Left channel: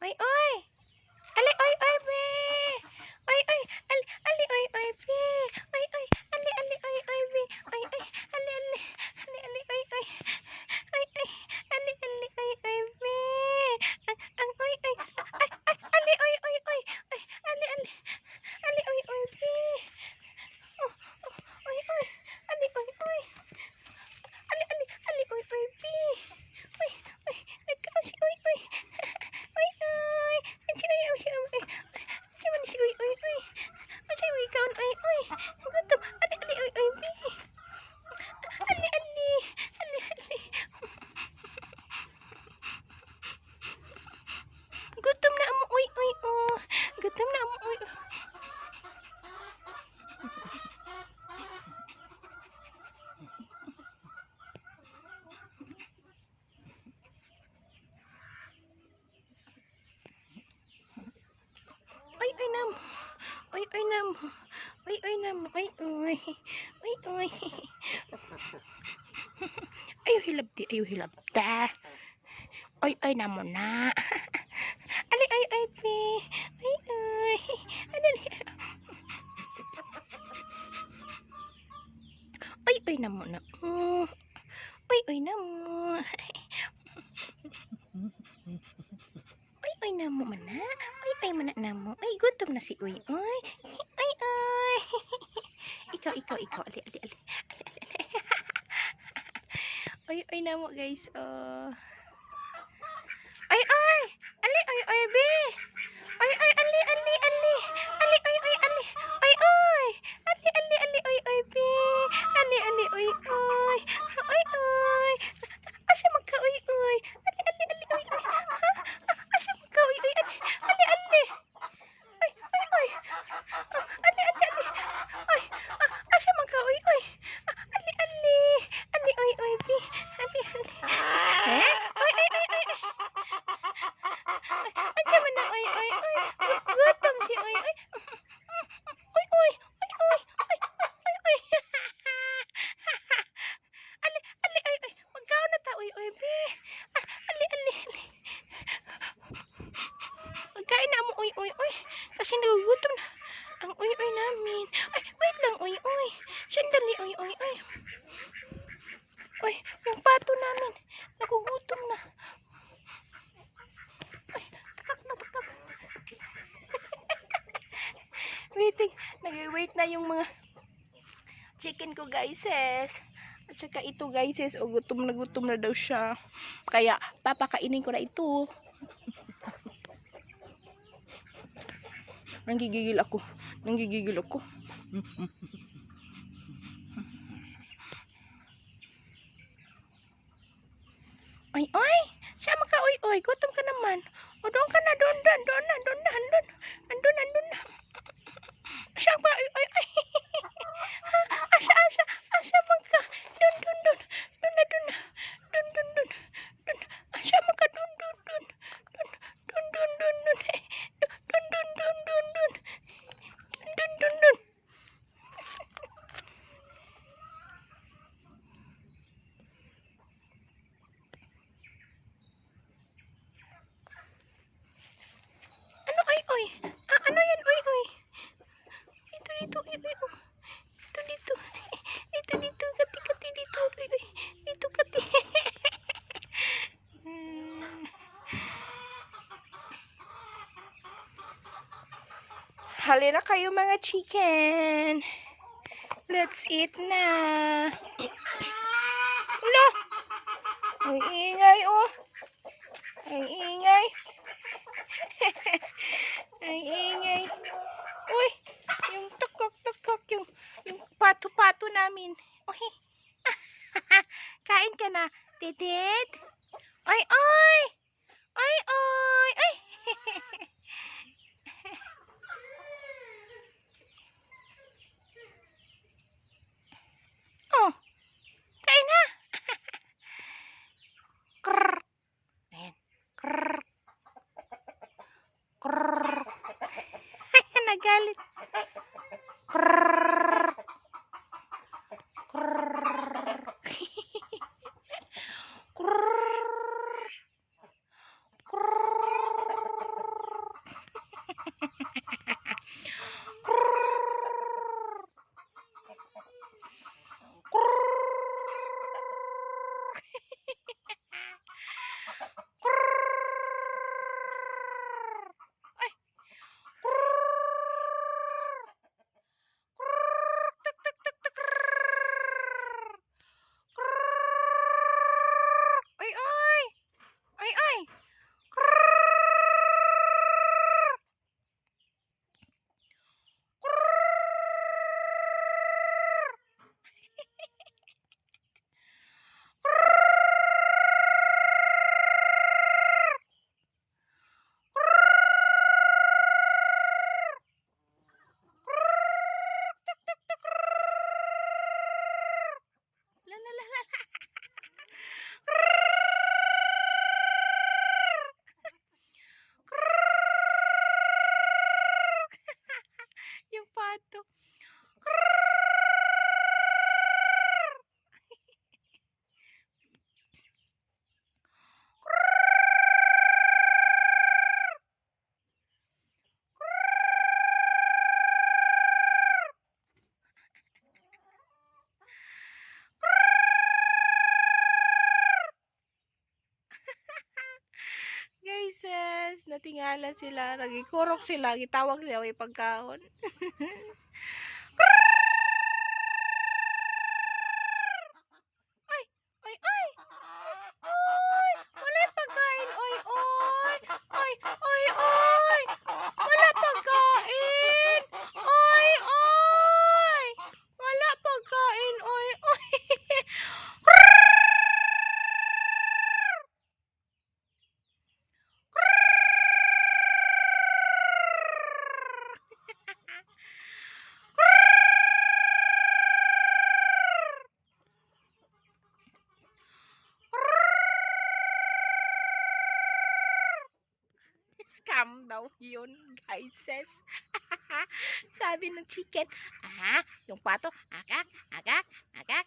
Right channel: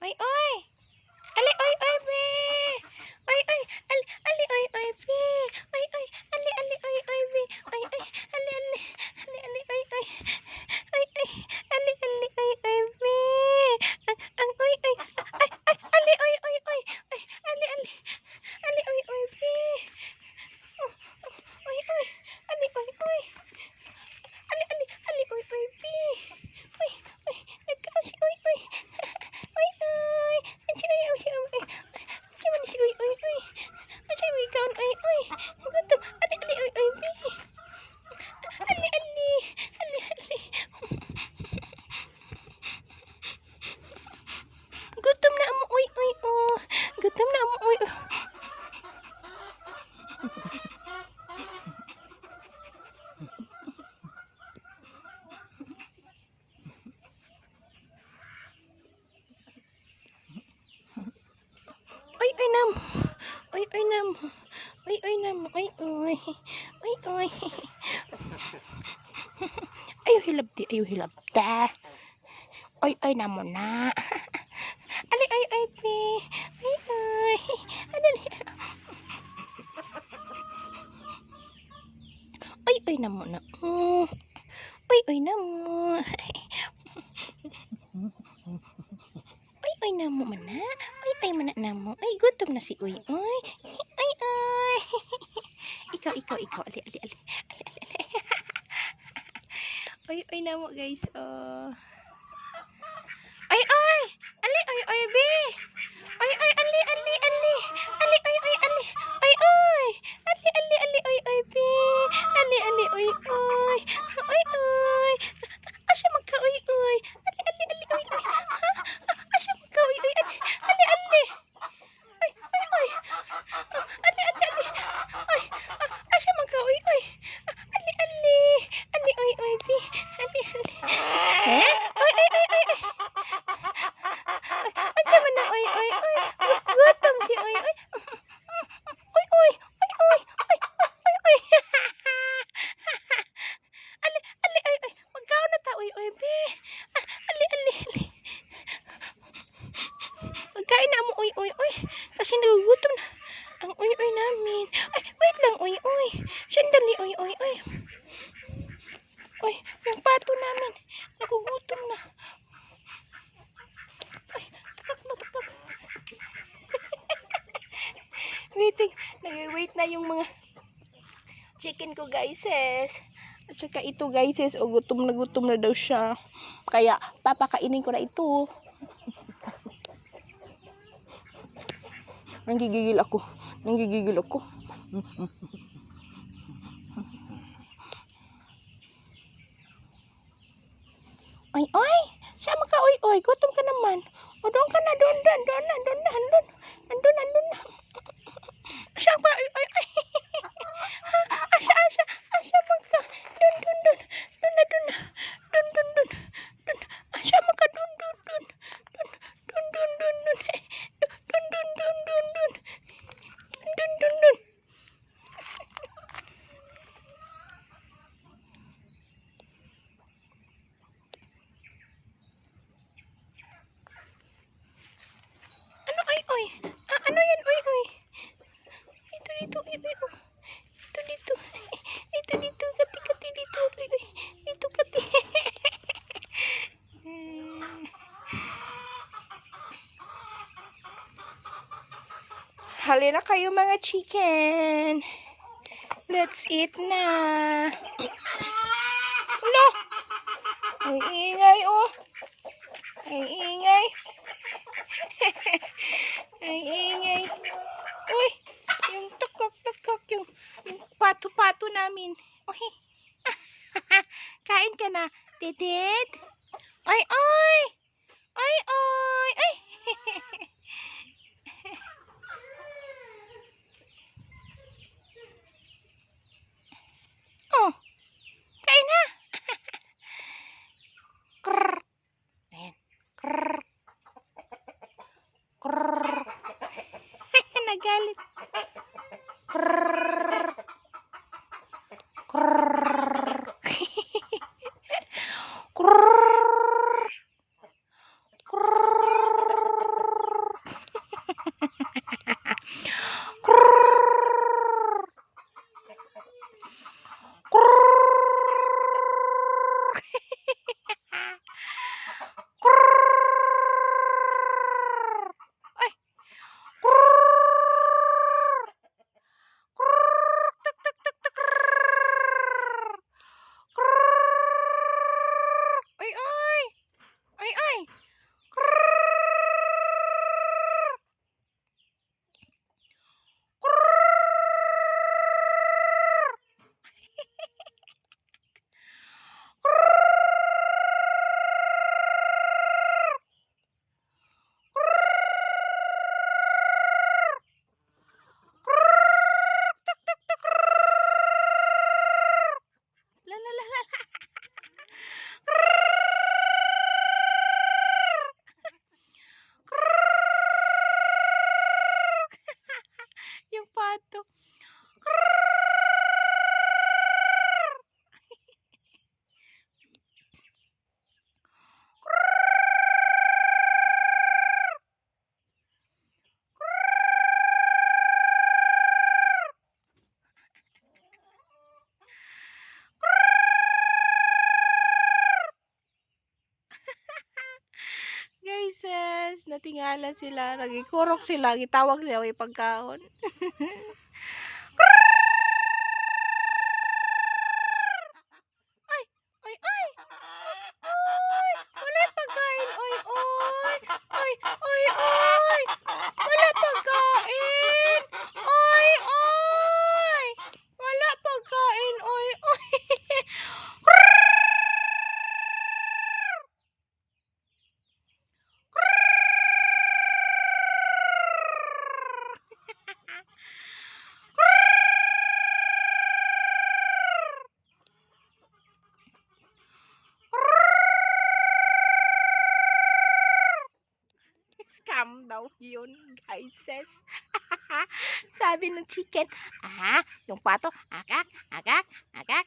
Oy, oy. Ali, oy, oy, be. Oy, oy. Ali, ali, oy, oy, be. Oy, oy. Ali, ali, oy, oy, be. Oy, oy. Ali, ali. Ali, ali, oy, oy. Oy, oy. Ali, ali, oy, oy, be. Ang, oy, oy. Ay, ay, ali, oy, oy, oy. Oy, ali, ali. Ali, oy, oy, be. Oh, oh, oy, oy. Ali, oy, oy. Ali, ali, ali, oy, oy, be. Oy, oy. Nagkaon si oy, oy. Oy, oy. Ansi, oy, oy, oy, oy. Ansi man si oy, oy, oy. Ansi oy, kaon, oy, oy. Gutom. Ali, ali, oy, oy, be. Ali, ali. Ali, ali. Gutom na mo, oy, oy, oh. Gutom na mo, oy, oy. Oy, oy, nam. Oy, oy, nam. Oy, oy, nam. Oy, oy. Oy, oy. Ayaw hilab di, ayaw hilab ta. Oy, oy, namo na. Ali, oy, oy, pe. Oy, oy. Ali, oy, oy, namo na. Oh. Oy, oy, namo. Oy, oy, namo man na. Oy, oy, man na namo. Ay, gutom na si Uy, oy. Oy, oy. Ikaw, ikaw, ikaw. Ali, ali, ali. Ali, ali, ali. Oy, oy, namo, guys. Oh. Oy, oy. Ali, oy, oy, be. Oy, oy, ali, ali, ali. Ali, oy, oy, ali. Oy, oy. Ali, ali, ali, oy, oy, be. Ali, ali, oy, oy. Oy, oy. Asa magka, oy, oy. Ali, ali, ali, oy, oy. Ha? Asa magka, oy, oy. Ali, ali, ali. Oy, oy, oy. Ali, ali, ali. Oy, asa magka, oy, oy. Ali, ali. Ali, oy, oy, be. Ali, ali. Ha? Oy, oy, oy, oy, oy. Asa man na, oy, oy, oy. Gutom si oy, oy. Oy, oy. Oy, oy. Oy, oy, oy. Ali, ali, oy, oy. Magkaon na ta, oy, oy, be. Ali, ali, ali. Magkain na mo, oy, oy, oy. Kasi nagugutom na ang oy, oy namin. Ay, wait lang, oy, oy. Sandali, oy, oy, oy. Oy, yung pato namin. Nagugutom na. Ay, takak na, takak. Waiting. Nag-wait na yung mga chicken ko, guys. At saka ito, guys. O, gutom na daw siya. Kaya, papakainin ko na ito. Nanggigigil ako. Nanggigigil ako. Ay, ay! Sama ka, oy, oy. Gutom ka naman. O, doon ka na, doon na, doon na, doon na, doon. Andun, andun na. Asa ka, oy, oy, oy. Asa, asa, asa man ka. Doon, doon, doon. Doon na, doon na. Doon, doon, doon. Doon. Asa man ka, doon, doon, doon. Doon, doon, doon, doon, doon. Doon, doon, doon, doon, doon. Doon, doon, doon. Ano, oy, oy? Ano yan, oy, oy? Dito, dito, oy, oy, oh. Dito, dito. Dito, dito. Kati, kati, dito, oy, oy. Dito, kati. Halina kayo, mga chicken. Let's eat na. Ulo! Ang ingay, oh. Ang ingay. Ang ingay. Uy, yung tukok-tukok, yung pato-pato namin. Uy, kain ka na, Dedet. Oy, oy! Oy, oy! Ay! Oh, kain na. Krrr. Ayan. Krrr. Krrr. Nagalit. Krrr. Krrr. Krrr. Krrr. guys, natingala sila, nagikurok sila, gitawag sila may pagkaon. Ay, ay, ay. Oy, wala pagkain. Oy, oy. Oy, oy, oy. Wala pagkain. Oy, oy. Wala pagkain. Oy, oy. Scam daw yun, guys. Sabi ng chicken, yung pato, akak, akak, akak.